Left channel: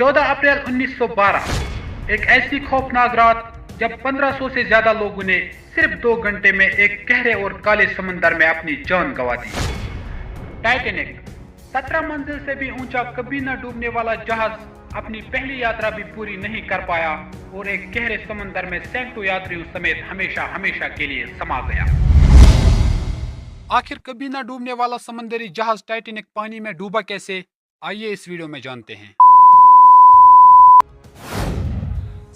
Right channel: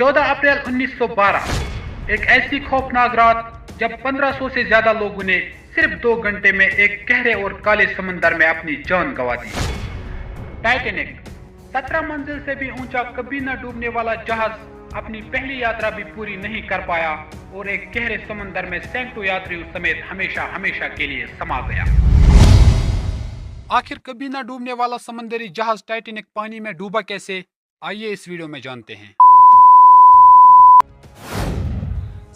14 अप्रैल 1912 एक ऐसी खौफनाक रात जब 1500 से ज्यादा लोगों ने सिर्फ 2 घंटे में एक गहरे और काले समंदर में अपनी जान गंवा दी। टाइटैनिक 17 मंजिल से भी ऊंचा कभी न डूबने वाला जहाज अपनी पहली यात्रा भी पूरी नहीं कर पाया और एक गहरे समंदर में सैकड़ों यात्रियों समेत हमेशा हमेशा के लिए समा गया। आखिर कभी न डूबने वाला समंदरी जहाज टाइटैनिक पानी में डूबा कैसे, आइए इस वीडियो में जानते हैं।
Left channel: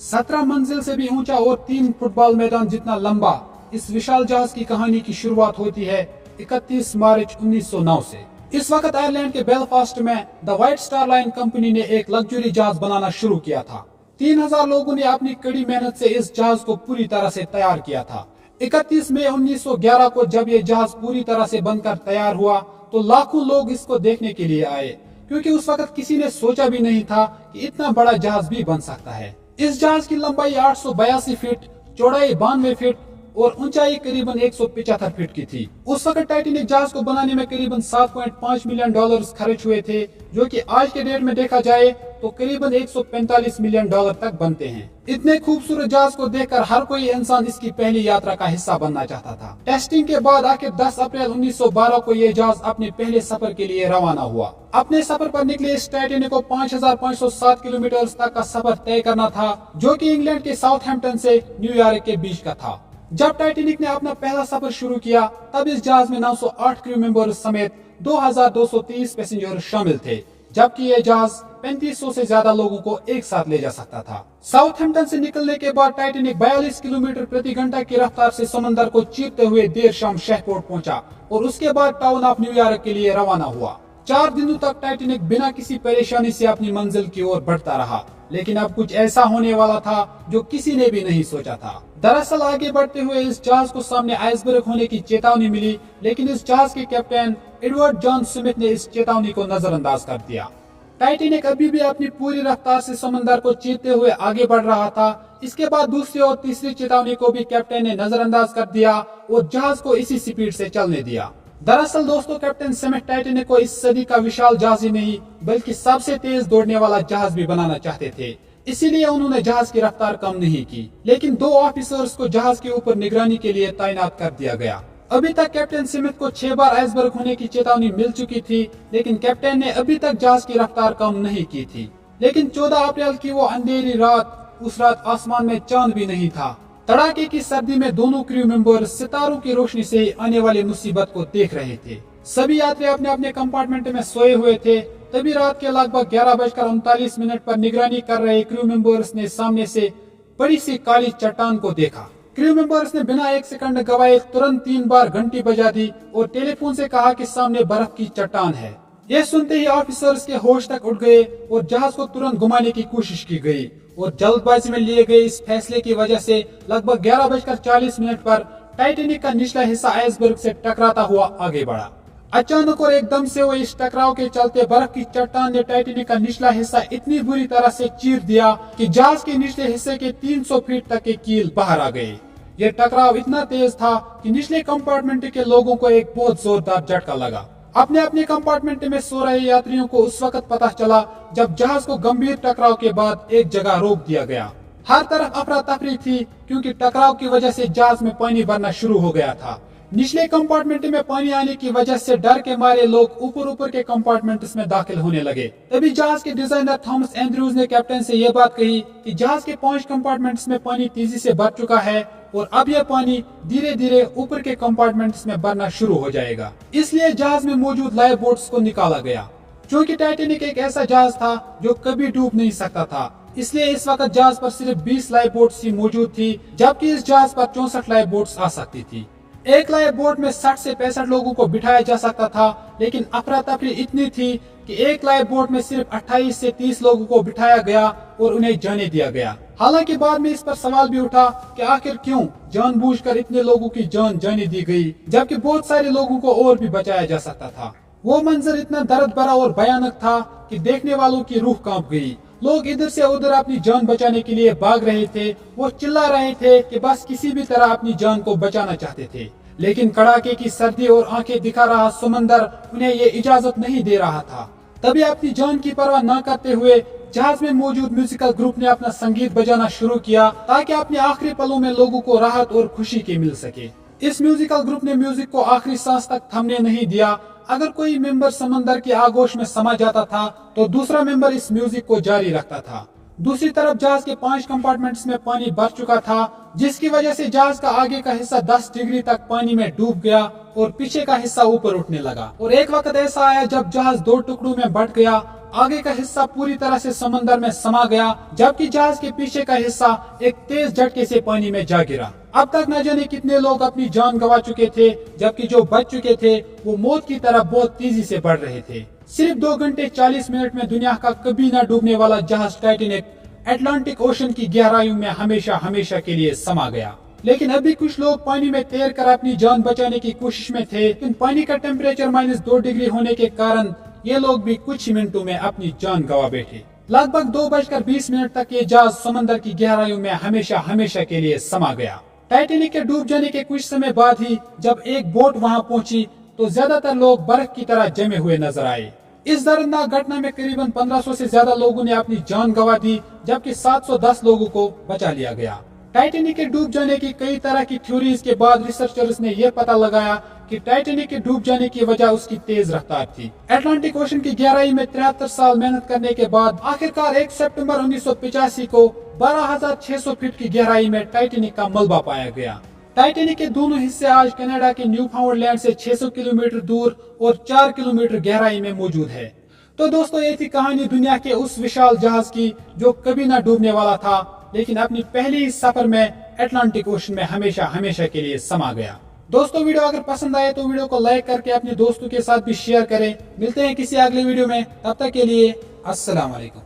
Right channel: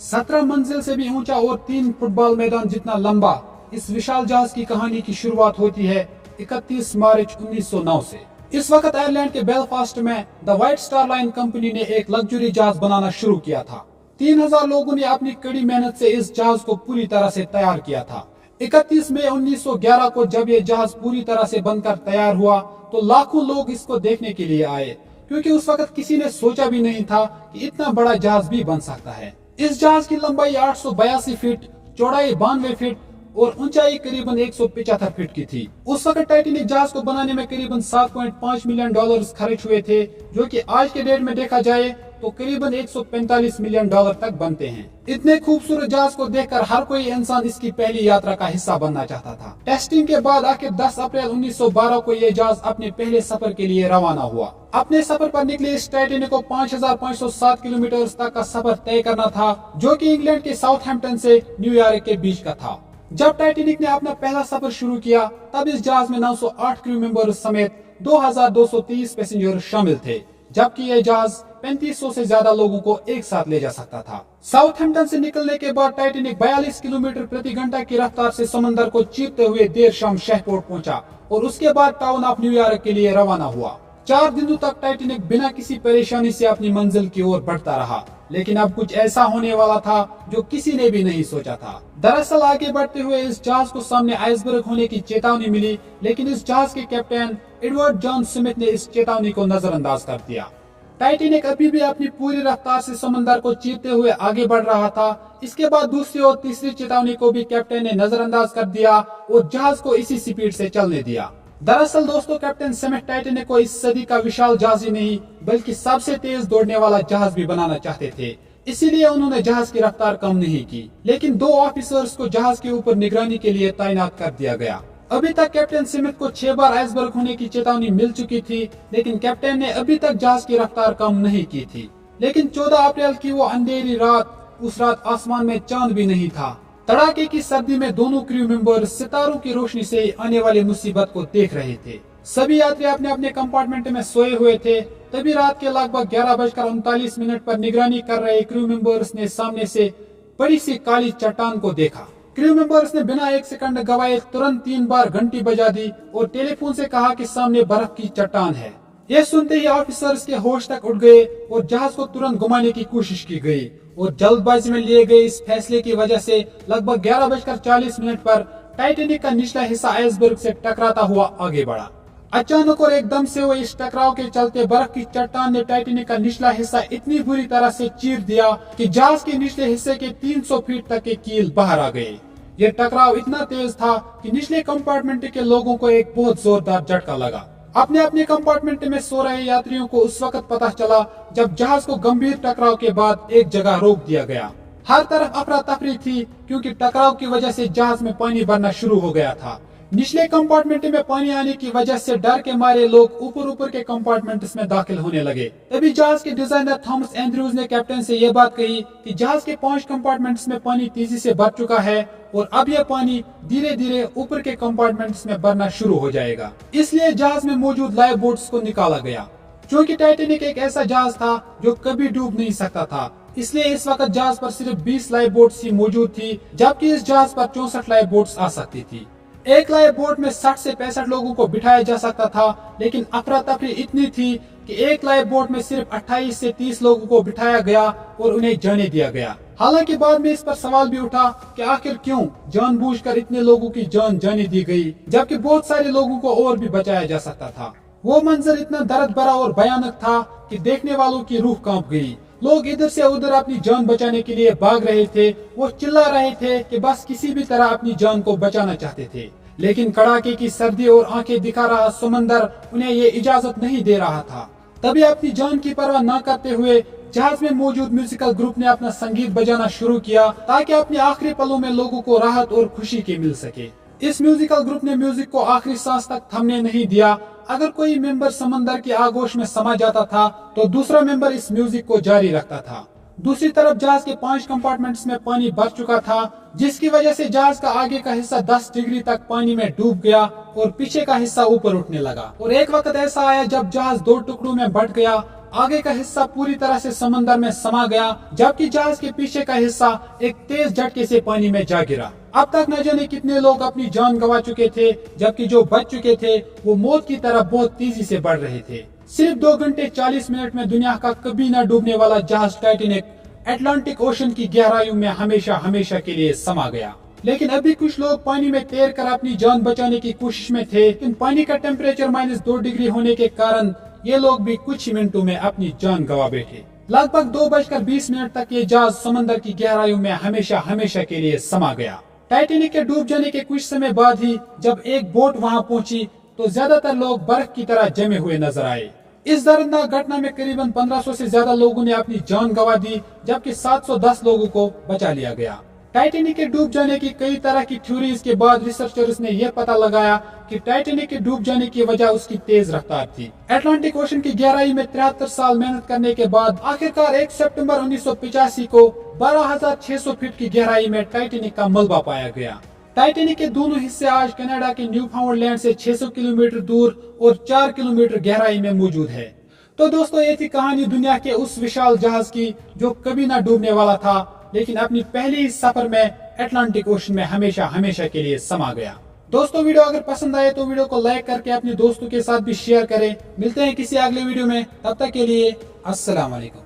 17 मंजिल से भी ऊंचा और 3 फुटबॉल मैदान जितना लंबा इस विशाल जहाज की कहानी की शुरुआत होती है 31 मार्च 1909 से। इस वक्त आयरलैंड के बेलफास्ट में the white star line company ने एक लग्जरी जहाज बनाना शुरू किया था। 3000 लोगों ने अपनी कड़ी मेहनत से इस जहाज को पूरी तरह से तैयार किया था। 31 मई 1911 को जब ये जहाज पूरी तरह से बनकर तैयार हुआ तो लाखों लोग इसको देखने के लिए आए, क्योंकि उस वक्त किसी ने सोचा भी नहीं था कि इतना बड़ा जहाज भी बन सकता है। इस जहाज की लंबाई 882 फीट, चौड़ाई 92 फीट और ऊंचाई करीबन 175 फीट की थी। उस वक्त टाइटैनिक जहाज को बनाने में करीबन $7.5 मिलियन खर्च हुए थे, जो कि आज के डेट में देखा जाए तो करीबन $145 मिलियन तक बनते हैं। इतने खूबसूरत जहाज को देखकर हर कोई इंसान इसकी पहली यात्रा का हिस्सा बनना चाहता था। टेस्टिंग के बाद आखिर 10 अप्रैल 1912 को यह जहाज अपने पहले सफर के लिए रवाना हुआ। अपने सफर पर निकले इस टाइटैनिक को 5507 किलोमीटर तक का सफर तय करना था, जो कि इंग्लैंड के साउथहैम्पटन से न्यूयॉर्क के बीच का था। जब टाइटैनिक ने अपना पहला सफर शुरू किया तब इस जहाज में 908 क्रू मेंबर्स समेत 2230 पैसेंजर शामिल थे, जबकि यह जहाज 3500 से ज्यादा लोगों को एक साथ ले जा सकता था। साउथहैम्पटन से निकलने के बाद टाइटैनिक 42 किलोमीटर प्रति घंटा की रफ्तार से समंदर को चीरते हुए देर शाम शहपोर्ट पहुंचा और उसके बाद टाउन ऑफ न्यूयॉर्क के लिए रवाना हुआ। 4 दिनों तक टाइटैनिक बिना किसी परेशानी से अपनी मंजिल की ओर बढ़ता रहा, लेकिन अब कुछ ऐसा होने वाला था जो किसी ने भी नहीं सोचा था। दरअसल आगे बढ़ते हुए इस जहाज को सामने आइसबर्ग होने की चेतावनी मिली, लेकिन इस जहाज के कैप्टन एडवर्ड जॉन स्मिथ ने इस चेतावनी को नजरअंदाज कर दिया। टाइटैनिक अभी भी अपनी पूरी रफ्तार से समंदर को चीरते हुए आगे बढ़ रहा था। इसके बाद दूसरी और तीसरी चेतावनी को भी कैप्टन ने नजरअंदाज कर दिया और जहाज को इसी स्पीड से चलने दिया। दरअसल दोस्तों, कैप्टन स्मिथ टाइटैनिक को इस सदी का विशाल जहाज ही नहीं बल्कि सबसे तेज दौड़ने वाला जहाज भी बनाना चाहते थे, इसीलिए उन्होंने जहाज की रफ्तार कम नहीं की, लेकिन 2 ऑफिसर्स को जहाज के ऊपर निगरानी के लिए तैनात कर दिया गया। अभी तक कैप्टन स्मिथ को 6 बार आइसबर्ग होने की चेतावनी मिल चुकी थी, लेकिन कैप्टन ने अभी तक जहाज की रफ्तार कम नहीं की थी। लेकिन 14 अप्रैल की वो अंधेरी रात, उस रात आसमान में चांद भी नहीं था। तड़ाके की सर्दी में दोनों क्रू मेंबर सितारों की रोशनी से आने वाली मुसीबत को देख रहे थे। सभी यात्री अपने अपने कंपार्टमेंट में सोए हुए थे। तभी रात के लगभग 11:39 पर निगरानी कर रहे क्रू मेंबर्स ने सामने से बड़ी सी काली चट्टान को देखा। क्रू मेंबर्स ने बिना 1 सेकंड गवाए तुरंत 3 बार घंटी बजा दी और टेलीफोन से कहा कि सामने बर्फ की चट्टान है। यह सुनते ही ऑफिसर्स के होश तक उड़ गए और जहाज को तुरंत घुमाने की कोशिश की गई और जल्दबाजी में लिए गए इस फैसले की वजह से लगभग 11:40 पर टाइटैनिक का निचला हिस्सा आइसबर्ग से टकराता हुआ आगे बढ़ा। अचानक और एकदम से वो इस टकराव के चलते बर्फ की चट्टान ने टाइटैनिक का निचला हिस्सा इतनी बुरी तरह से चीर दिया कि जहाज के निचले हिस्से के 300 फीट तक के कील बाहर आ गए। यह टकराव इतना तेज था कि निचले कंपार्टमेंट के लोगों को एक बहुत जोरदार झटका लगा। अपने अपने कंपार्टमेंट में सो रहे यात्रियों को उस वक्त पता चला जब जहाज को गंभीर टकराव के बाद एक जगह रोक दिया गया। हर तरफ अफरा तफरी थी, क्योंकि टकराव की वजह से जहाज में पानी भरना शुरू हो गया था। निचले कंपार्टमेंट में पानी आने की वजह से डर के मारे लोग ऊपर के कंपार्टमेंट्स में दाखिल होने लगे। तभी जहाज के डिजाइनर थॉमस एंड्रयूज ने कैप्टन से यह बात कही कि जहाज के 5 कंपार्टमेंट्स में पानी तेजी से भर चुका है और अब यह पानी धीरे धीरे ऊपर के कंपार्टमेंट्स में भरना शुरू हो जाएगा। इसलिए जहाज में मौजूद लाइफ बोट्स को निकाला गया। क्योंकि टाइटैनिक एक ऐसा जहाज था जो कभी डूब नहीं सकता था, इसलिए इस वक्त जहाज पर सिर्फ 20 लाइफ बोट्स ही मौजूद थी, जबकि इस जहाज पर 64 लाइफ बोट्स आ सकती थी। एक लाइफ बोट में 60 से 65 लोगों को बिठाया जा सकता था, लेकिन अफरा तफरी इतनी थी कि एक लाइफ बोट में सिर्फ 28 से 30 लोगों को बिठाया गया और उन्हें जाने दिया गया। हालांकि बाद में इस पर सवाल भी उठा कि आखिर क्यों जानबूझकर इतने लोगों की जान जाने दी गई, जबकि बहुत सारे लोगों को और भी बचाया जा सकता था। वो मंजर इतना दर्द भरा और भयानक था कि देखने वालों की रूह कांप गई। लोग इधर से उधर अपनी जान बचाने के लिए भाग रहे थे। वो चिल्ला रहे थे कि बस किसी भी तरह अपनी जान को बचाना चाहते थे, लेकिन कड़ाके की सर्दी और आंखें दिखा रहा समंदर उन्हें ये इजाजत नहीं दे रहा था। तभी अपनी जान की परवाह न करते हुए जहाज में मौजूद म्यूजिकल ग्रुप ने अपना संगीत बजाना शुरू किया ताकि अपने आखिरी पलों में लोगों को राहत और खुशी की मिल सके। इस म्यूजिकल ग्रुप ने म्यूजिक को आखिरी सांस तक थमने नहीं दिया। अगर कोई मेंबर समंदर की आगोश में समा जाता था तो दूसरा मेंबर इस म्यूजिक को जारी रखता था। दूसरी तरफ जहाज के 5 कंपार्टमेंट्स में पानी भर चुका था, जिसकी वजह से जहाज का आगे का हिस्सा 10 डिग्री तक पानी में डूब गया और पीछे का हिस्सा ऊपर उठने लगा। और एक वक्त ऐसा आया जब जहाज 2 टुकड़ों में बंट गया। आगे का हिस्सा पूरी तरह से समंदर में समा गया, जबकि जहाज के पीछे का हिस्सा एक तेज झटके से पानी में जा गिरा। अब तक न जाने कितने लोग अपनी जान गंवा चुके थे, जबकि जो बच चुके थे वो मौत की तरफ बहुत तेजी से बढ़ रहे थे। सिर्फ 2 घंटे 40 मिनट में दुनिया का कभी न डूबने वाला जहाज टाइटैनिक अटलांटिक ओशन की गहराइयों में हमेशा हमेशा के लिए समा गया। लेकिन अभी कुछ लोग पानी में तैर कर अपनी जान बचाने की कोशिश में थे, लेकिन पानी का टेम्परेचर -2 डिग्री होने के कारण ये लोग भी कुछ ही मिनटों में अपनी जान गंवा बैठे। लगभग 2:20 तक ये जहाज समंदर की गहराइयों में हमेशा हमेशा के लिए समा गया। टाइटैनिक के डूब जाने के कुछ समय बाद ही जब एक बोट वहां पहुंची तो ज्यादातर लोग बर्फ की तरह जमे हुए नजर आए। इस दर्दनाक घटना में करीबन 1500 से ज्यादा लोगों ने अपनी जान गंवा दी, जबकि 710 लोगों को बचा लिया गया। टाइटैनिक के डूब जाने की कई तरह की थ्योरीज के बाद रिसर्चर्स ने यह पता लगाया कि टाइटैनिक के डूब जाने की वजह उसकी तेज रफ्तार थी। अटलांटिक ओशन की गहराई में 73 साल मेहनत करने के बाद आखिरकार 1 सितंबर 1985 को 12,600 फीट की गहराई में टाइटैनिक का मलबा पाया गया। टाइटैनिक के दोनों हिस्से आज कनाडा के न्यूफाउंडलैंड से 600 किलोमीटर दूर और 4 किलोमीटर गहराई में मौजूद है। तो दोस्तों, ये थी कहानी दुनिया के उस विशाल जहाज की जो कभी ना डूबने वाला था, लेकिन अपनी पहली ही सफर में अटलांटिक ओशन में हमेशा हमेशा के लिए समा गया। दोस्तों, वीडियो अगर पसंद आए तो वीडियो को लाइक करके अपने दोस्तों के साथ भी शेयर करें। मिलते हैं किसी अगले वीडियो में, तब तक के लिए अस्सलाम वालेकुम।